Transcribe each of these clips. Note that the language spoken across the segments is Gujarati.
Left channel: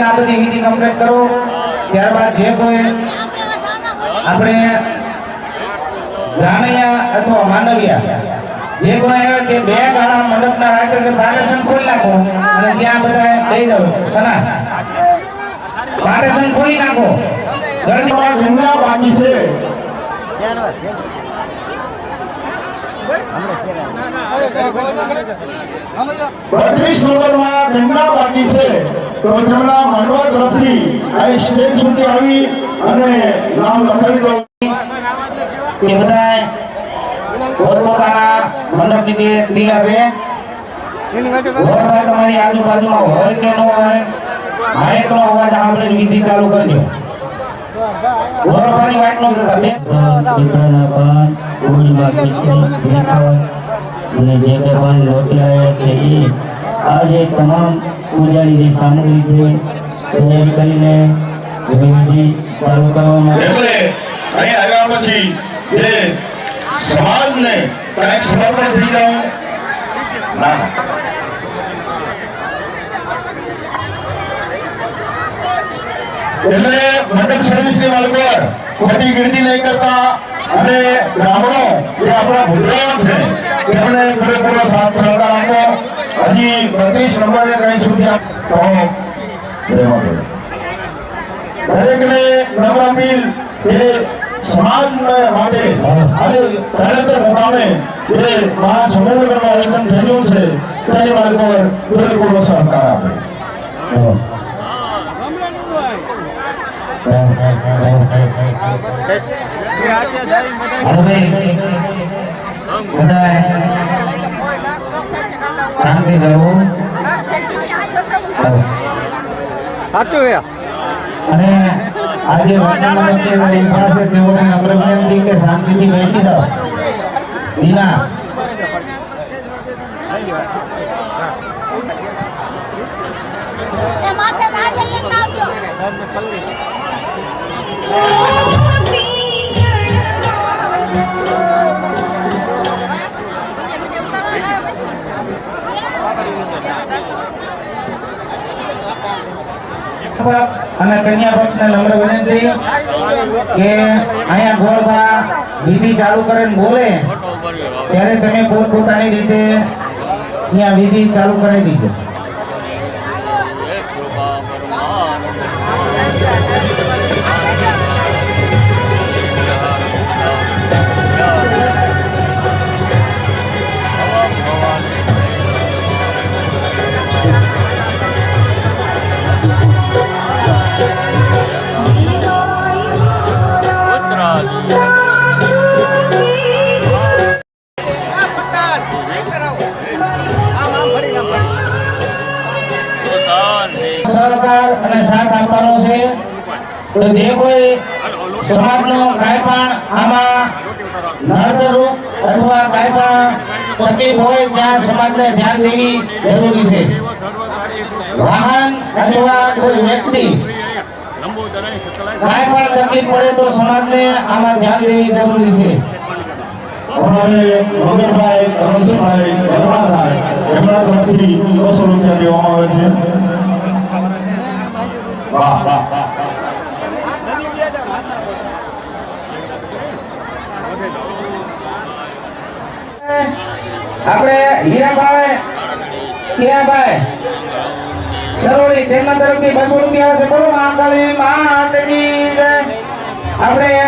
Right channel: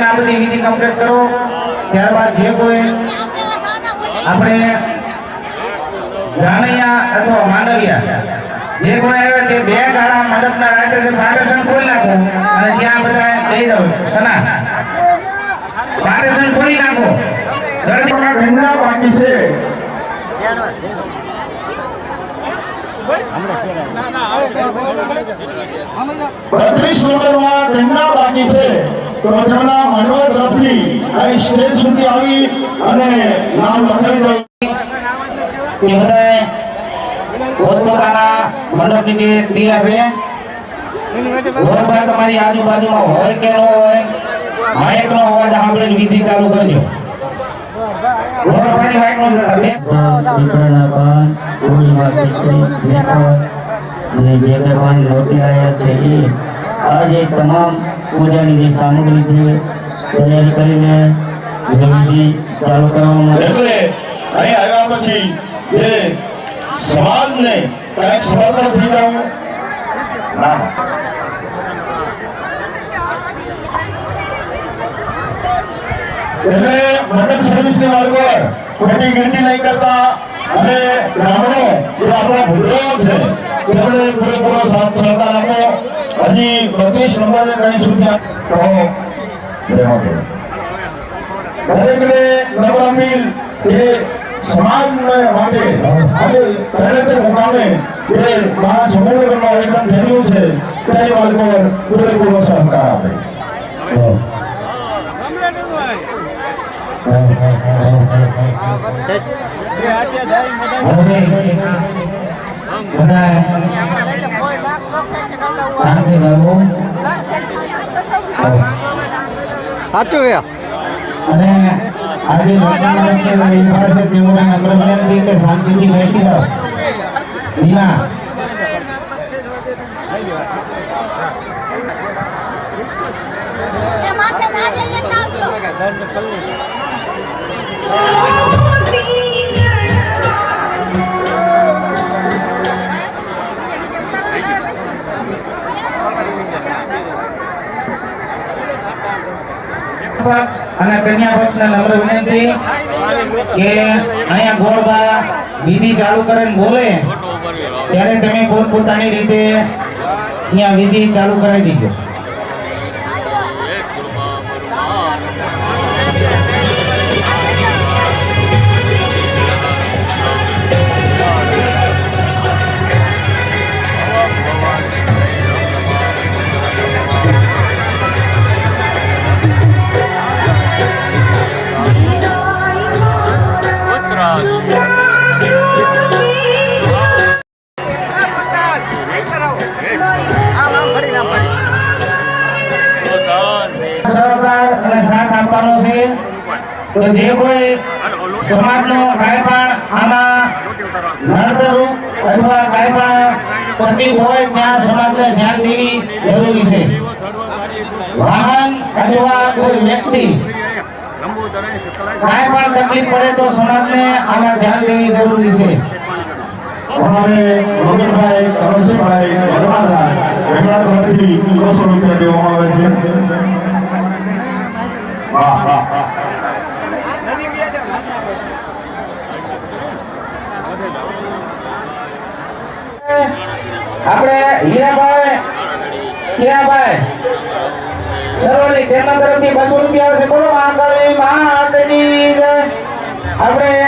બેન આ બધી વિધિ કમ્પ્લીટ કરો ત્યારબાદ જે કોઈ આપણે જાણિયા અથવા માંડવિયા જે કોઈ આવે તે બે ગાળા મંડપના રાખે છે પાર્ટીશન ખોલી નાખો અને ત્યાં બધા બેસી જાવ સના પાર્ટીશન ખોલી નાખો ગરમીમાં ભીમલા બાકી છે 32 નંબરમાં ભીમલા બાકી છે તો તેમના માંડવા તરફથી આ સ્ટેજ સુધી આવી અને નામ લખાવી દો એ બધા પોતાના મંડપની જે તૈયાર રહે તમારી આજુબાજુમાં હોય કે ન હોય માઇકનો અવાજ આપણે વિધિ ચાલુ કરજો આજે તમામ પૂજાની જે સામગ્રી છે તૈયારી કરીને વિધિ ચાલુ કરવામાં એટલે અહીં આવ્યા પછી જે સમાજને કાંઈક સમર્પણ થઈ જાવ ના એટલે મંડપ સર્વિસની વાળું ખોટી ગીર્દી નહીં કરતા અને બ્રાહ્મણો જે આપણા ભૂલરામ છે તેમને પૂરેપૂરો સાથ સહકાર આપો હજી 32 નંબરે કઈ સુધી દરેકને નમ્ર અપીલ એ સમાજ માટે આજે પહેલેતર મુકામે જે મહાસમૂહનું આયોજન થયું છે તેની વાત પર પૂરેપૂરો સહકાર આપે અને આજે તેઓને નમ્ર વિનંતી કે શાંતિથી બેસી જાઓ નીના અને કન્યા પક્ષને નમ્ર વિનંતી કે અહીંયા ગોળબા વિધિ ચાલુ કરીને બોલે ત્યારે તમે પોતપોતાની રીતે અહીંયા વિધિ ચાલુ કરાવી દીધો તો જે કોઈ સમાજનો કાંઈ પણ આમાં નડતરરૂપ અથવા કાંઈ પણ તકલીફ હોય ત્યાં સમાજને ધ્યાન દેવી જરૂરી છે વાહન અથવા કોઈ વ્યક્તિ કાંઈ પણ તકલીફ પડે તો સમાજને આમાં ધ્યાન દેવી જરૂરી છે અમારે રોગનભાઈ કરમજીભાઈ ભરવાડા એમના તરફથી 200 રૂપિયા દેવામાં આવે છે વાહ વાહ આપણે હીરાભાઈ સરોલી તેમના તરફથી 200 રૂપિયા છે બોલો આંકલી માતની જય આપણે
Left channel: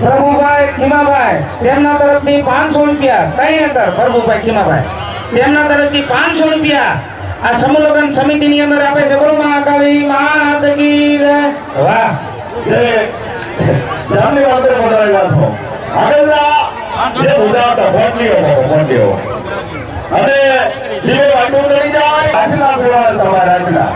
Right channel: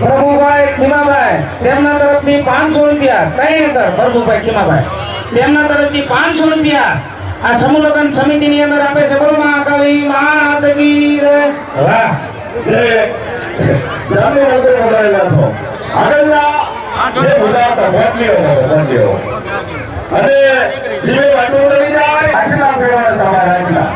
પ્રભુભાઈ ખીમાભાઈ તેમના તરફથી 500 રૂપિયા ત્રણ પ્રભુભાઈ ખીમાભાઈ તેમના તરફથી 500 રૂપિયા આ સમૂહ લગ્ન સમિતિની અંદર આપે છે બોલો આંકલી માતની જય વાહ જે જામની વાતો બતાવેલા છો આગળના જે ઉદાહરણ મોટીઓ અને દીવે વાટો કરી જાય આજના પ્રમાણે તમારા આજના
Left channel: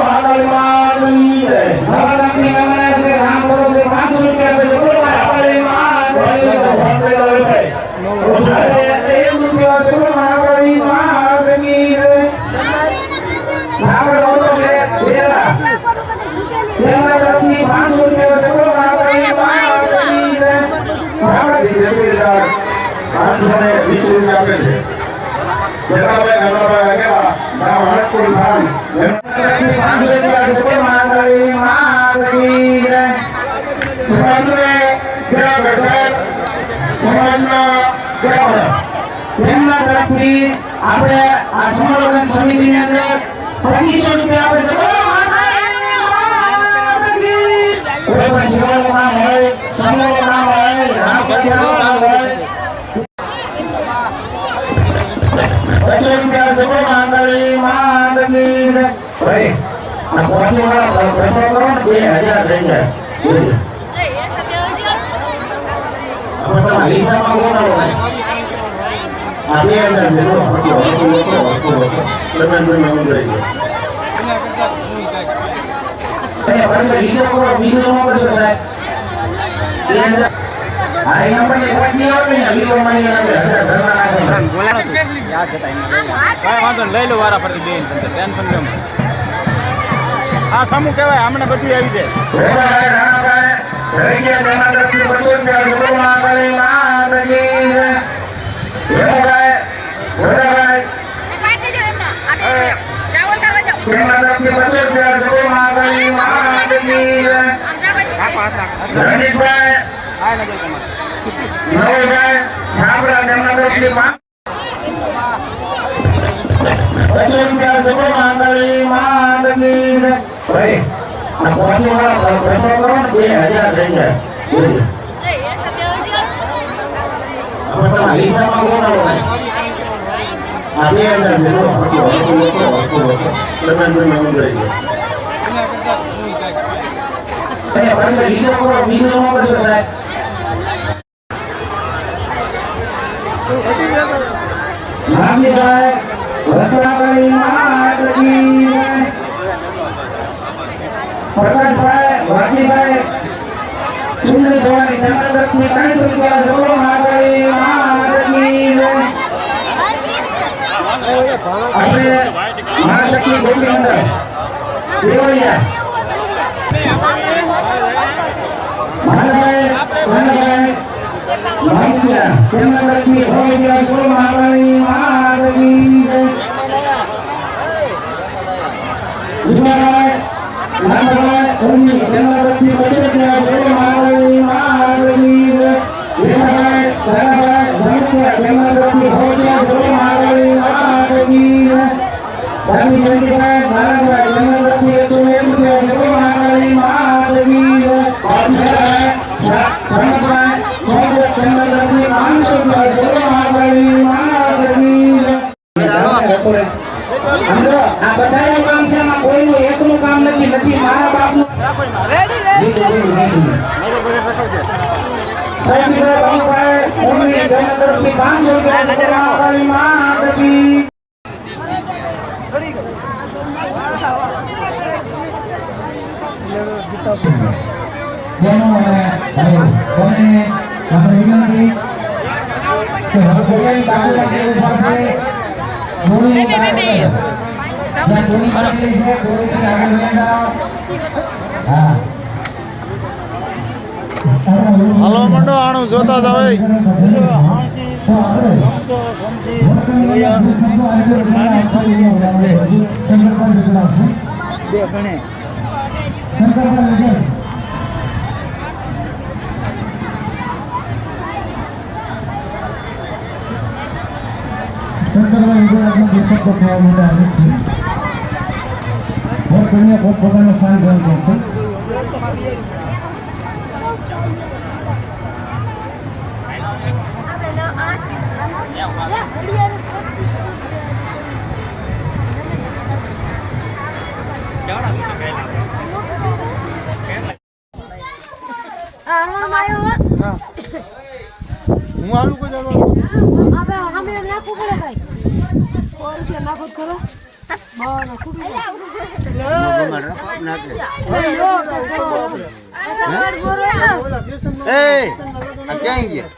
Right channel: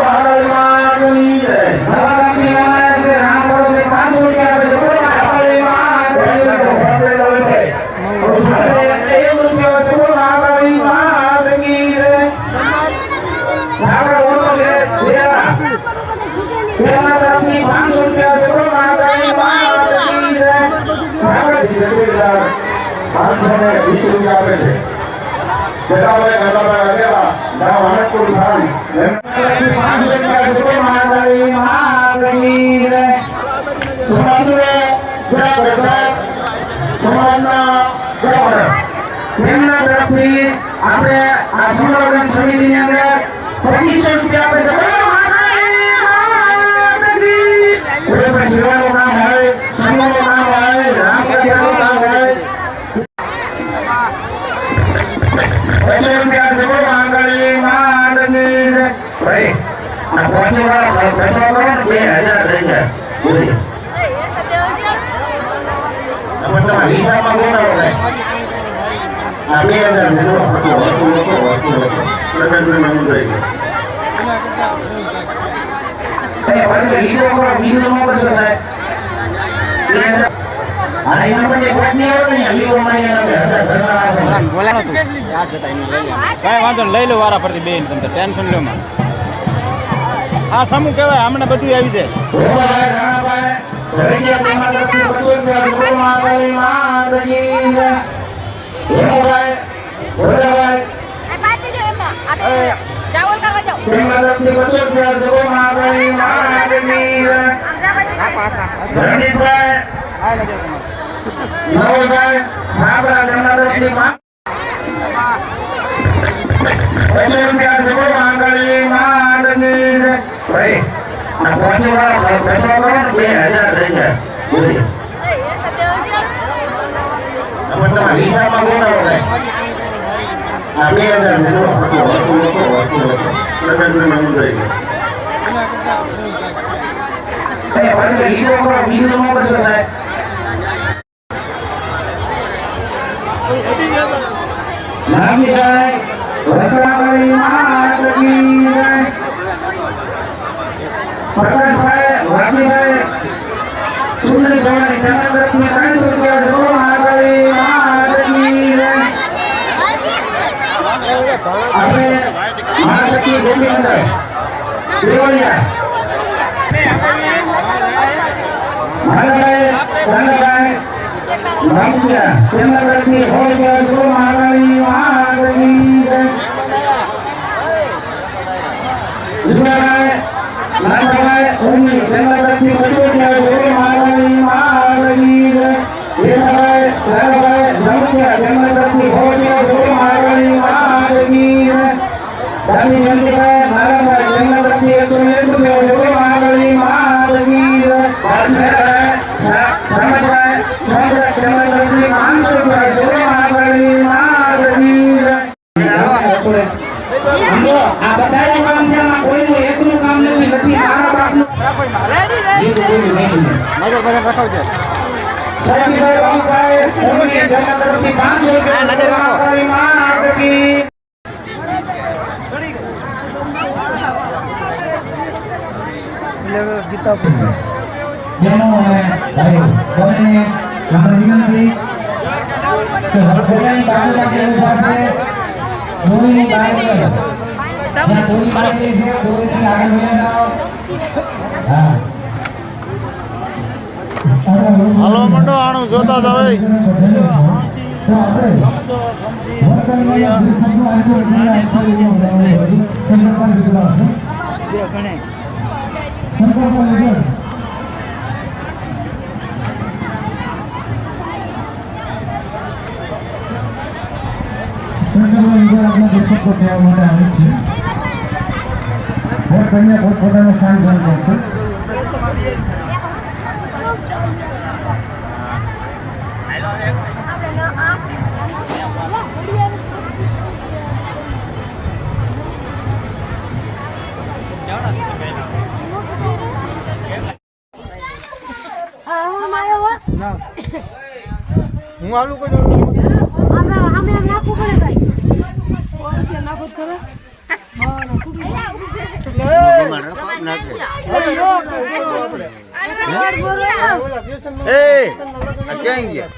મહાકાળી જય નવરાત્રી આવે છે રામ પર્વ 500 રૂપિયા આપે છે બોલો મહાકાળી આપે છે 5 જગ્યા છે કોઈ માંગણી માંગણી સમાજને ગ્રામ પંચાયત સમાજના ગ્રામ તેમના તરફથી આપણે આ સમૂહ સમિતિની અંદર 2500 રૂપિયા આપે છે કોઈ પણ સેવાનું કામ હોય સમૂહનું કામ હોય રામ કથાનું કામ હોય 2500 રૂપિયા છે કોઈ માંગણી માંગણી ભાઈ આ કોટીવાળા પૈસા કરો 2000 લઈ જાય બોલી આપણે હિસાબમાં કોણ હોય આ 2000 લઈ લો વારા ફરતી બેન ટેન્શન લો આ સમૂહ કહેવાય હમણાં બધું આવી જાય ચાવલ કરવા જાઓ પ્રકાશભાઈ વાઘજીભાઈ સુંદરી ભવાની તેમના તરફથી 300 રૂપિયા જરૂર આપણે મહાશક્તિ ગોપી મંડળ દેવળિયા તેમના તરફથી 100 રૂપિયા જરૂર હાલો મંડો આણું જોતા જાવ પોતાનો સ્થાન ગ્રહણ કરશે હું આવું કોઈ ક્યાં ગયા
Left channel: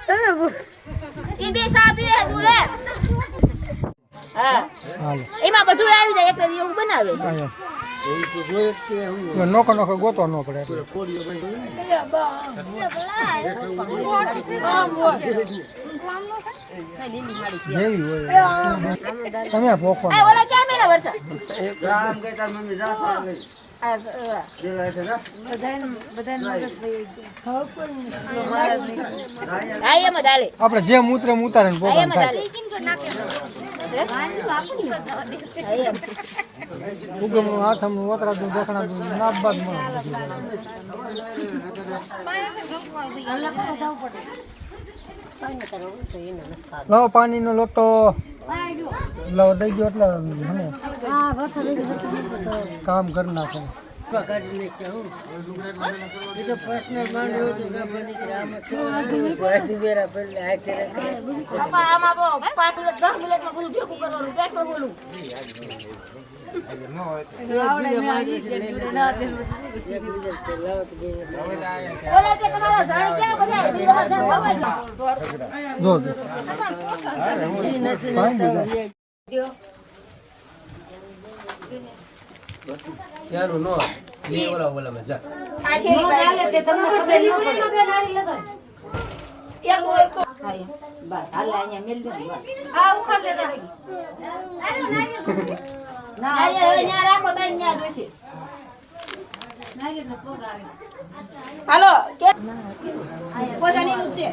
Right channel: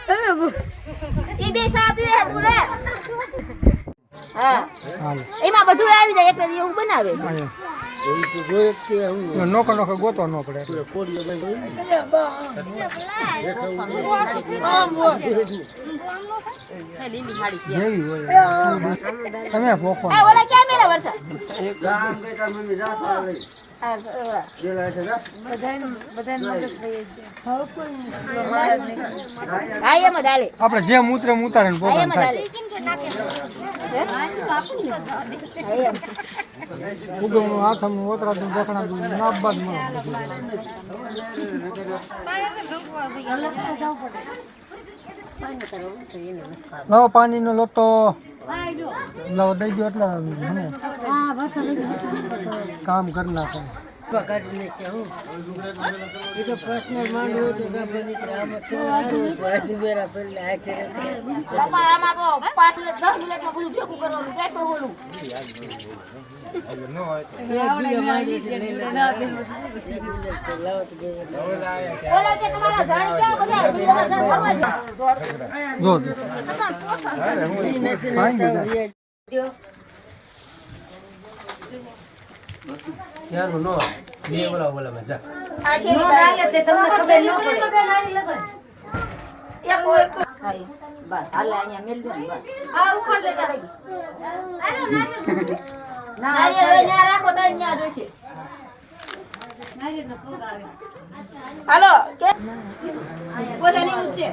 એમાં બધું આવી જાય એટલે એવું બનાવે નોખો નોખો ગોતો ન પડે તમે ભોખો આપણે જે મૂત્ર ઉતારે ને પ્રોગ્રામ થાય ઉગમનું હાથમનું ઓતરાનું દોખણાનું માપ બાદ મળે લાવો પાણીનો લોટો લાવો દઈ ગયો એટલે મને કામ કરી નાખો હાલો પોતાની છે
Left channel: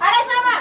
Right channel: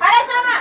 અરે સામા